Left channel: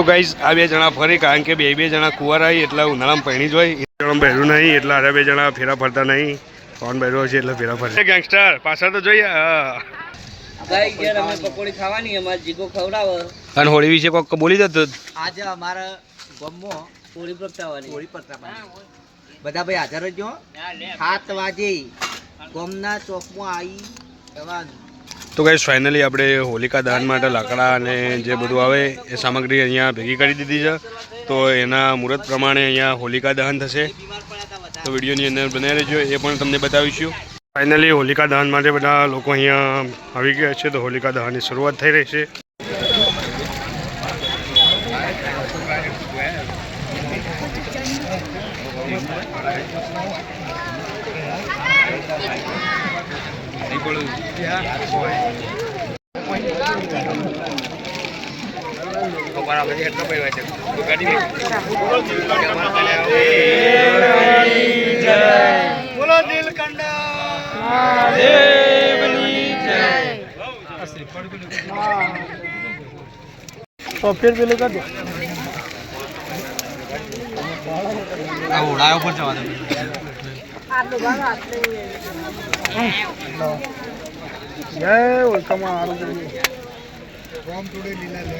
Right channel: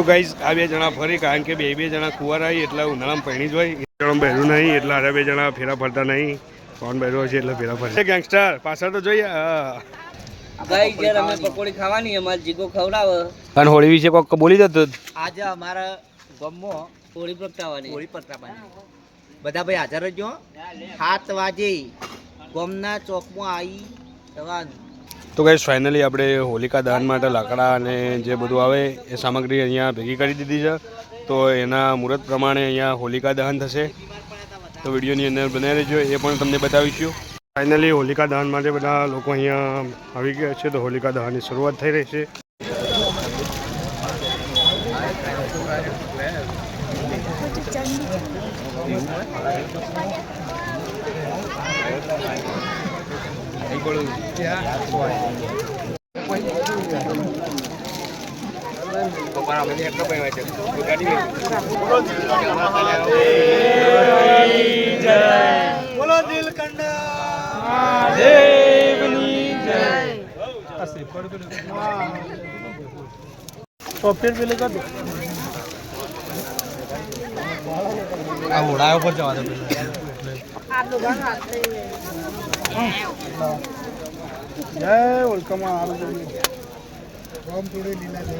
તો ગાઈઝ આ બે જણા ફરી કારણ કે બે જણા કુંવારા આવી એટલે ઉનાળામાં પહેણી જ હોય. એક જણા પહેર્યું નહીં એટલે અરે બે જણા ફેરા ફરતા નહીં. કોણ પહેર્યો છે એટલે ફેરા ફરતા. ગેંગસ્ટર પાછળ તો જોઈએ. ગાઈઝ યાર અમે પકોડી ખાવાની અમાર જીગો ખવડાવે. અને હોળી વિશે કોક બોલી દો. આજે અમારા ગામમાં હોળી પ્રગટાવવાની. બધા ભાઈ હાજર જ 7 વાગે ગામના ચોકમાં આવી જવાનું. તો ગાઈસ ફાઇનલી આપણે હોલિકા દહન માટે લાકડા અને જે બધું આવે એ સામગ્રી અહીંયા ભેગી કરી દીધી છે. તો એના મુહૂર્ત પ્રમાણે અહીંયા હોલિકા દહન થશે. તો વિડીયોની અંદર બનાવી રહેજો, એ પણ તમને બતાવીશું. ફાઇનલી હોલિકા દહન માટે બધા લોકો અહીંયા આવી ગયા છે. તો હોલિકા દહનની શરૂઆત થઈ રહી છે. બોલો નીલકંઠ દેવની જય. તો ફિર પેલું કર દો. આ ઓડા ઉપર જવા દે. જય ઓલકમા આરું રોમ ટુડે લીલા જય.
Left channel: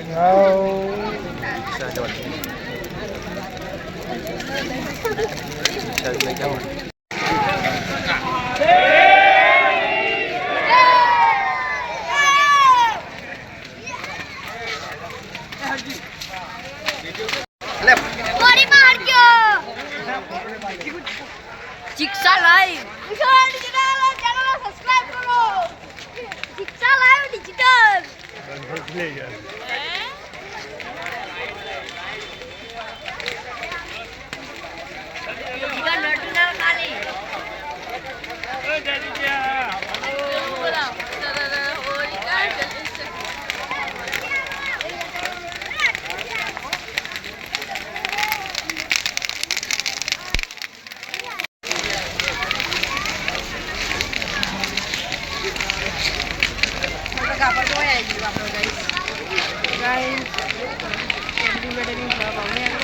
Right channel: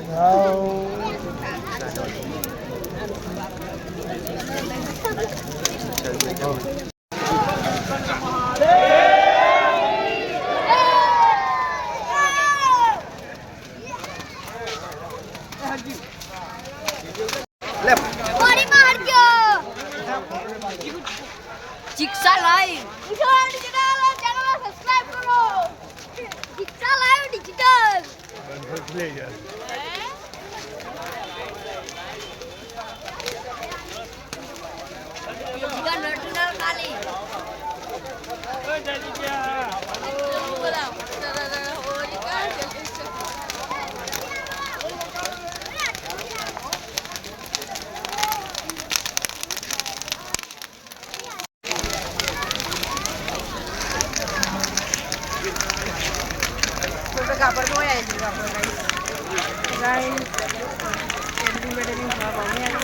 Jigsaw Live. Digital channel subscribe करो. Jigsaw Live digital. Digital original kali. Guys, editing wedding banyak.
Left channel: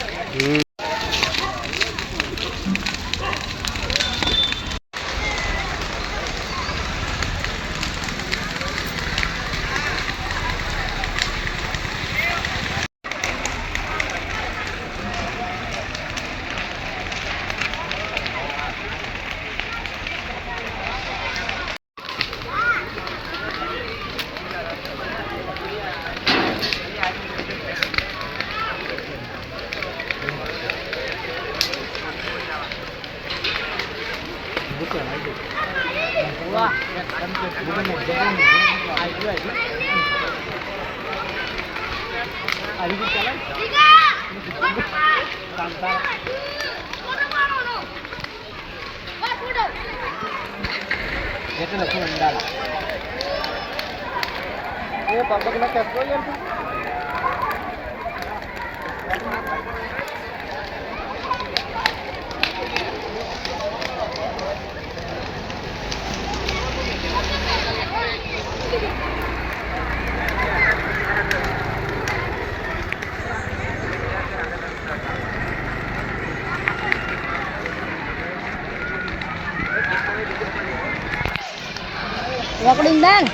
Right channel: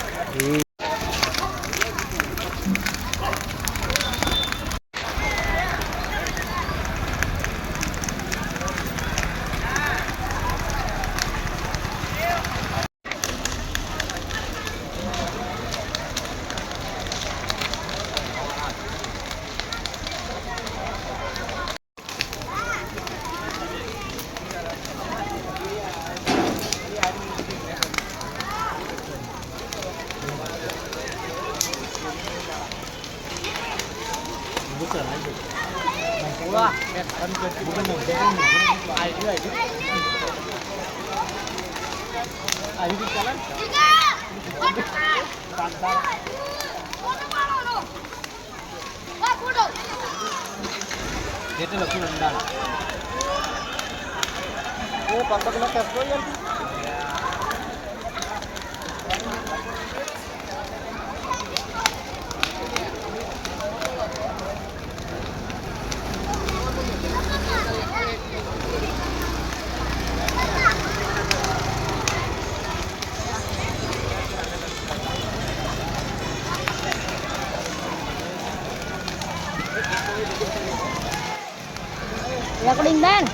Wah, kan bukan recording dan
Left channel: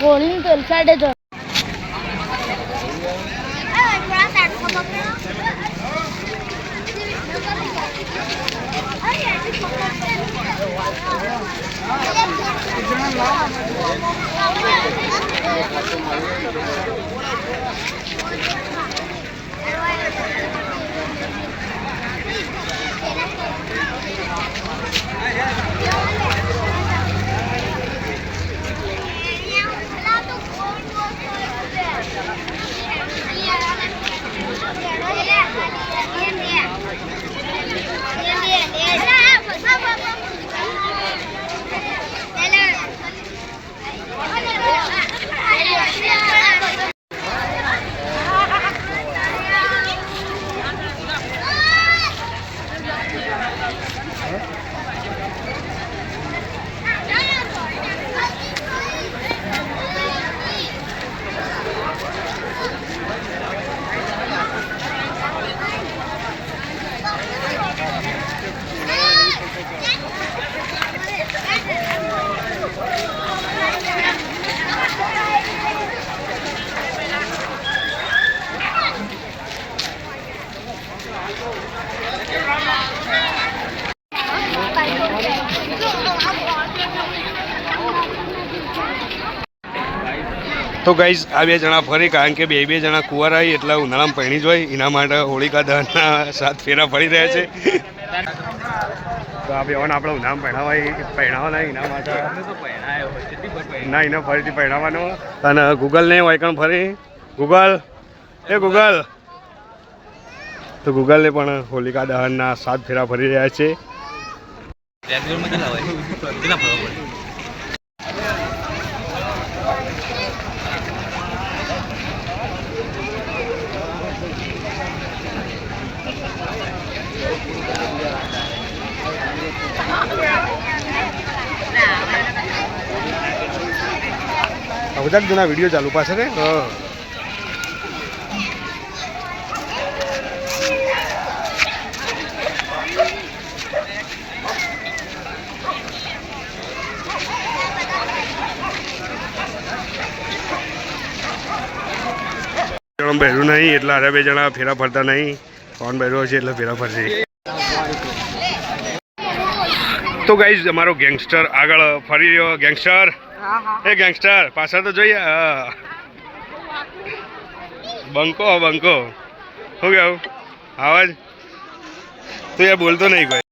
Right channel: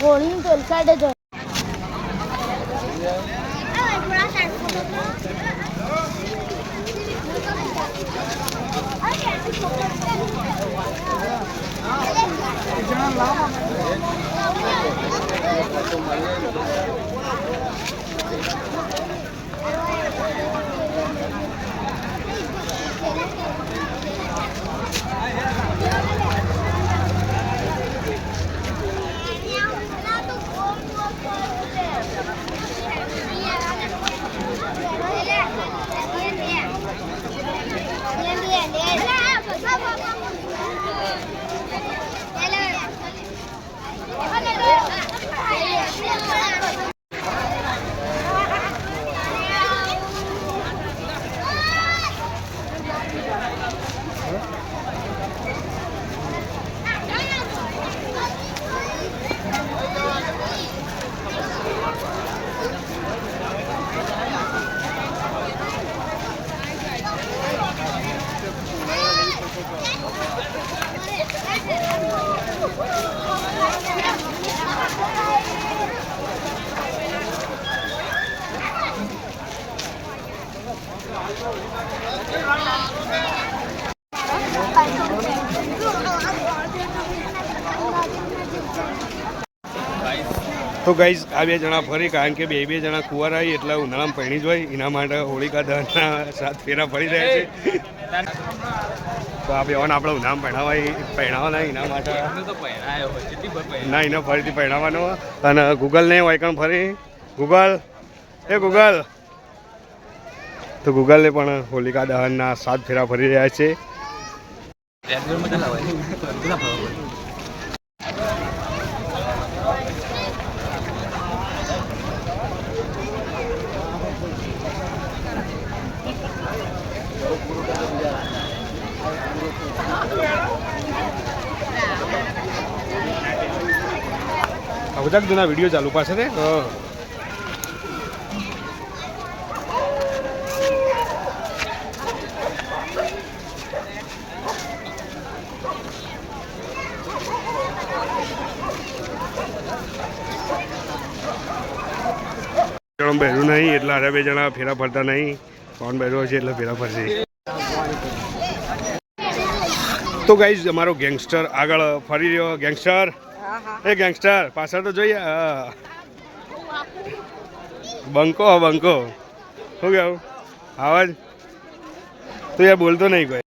holding to side itu તો ગાઈઝ આ બે જણા ફરી, કારણ કે બે જણા કુંવારા આવી એટલે ઉનાળામાં પહેણી જ હોય, એના માટે હોલિકા દહનના 7 ફેરા ફરી રહ્યા છે. તો આ બેવાને આપણે ઉનાળામાં પહેણાવાના એના માટે ના, એને ફરીથી પહેણાવવાનો. અને ગૂગલને હોય કણ ફરી ગૂગલ ગૂગલ, તો ગૂગલને પણ હોલિકા દહનના 7 ફેરા ફરી રહ્યા છે. બધા જણા વિડીયો ચાલુ પાસે ને બહેરું નહીં એટલે અરે 2 જણા ફેરા ફરતા નહીં. કોણ બહેરો છે એટલે ફેરા ફરશે. તો ગાઈઝ અમારો ગેંગસ્ટર આગળ ફરી રહ્યો. ગેંગસ્ટર ગેંગસ્ટર પાછળ તો જોઈએ. બંકો શું કેવું આવાજ તો યાર બોલતો નહીં કોઈ.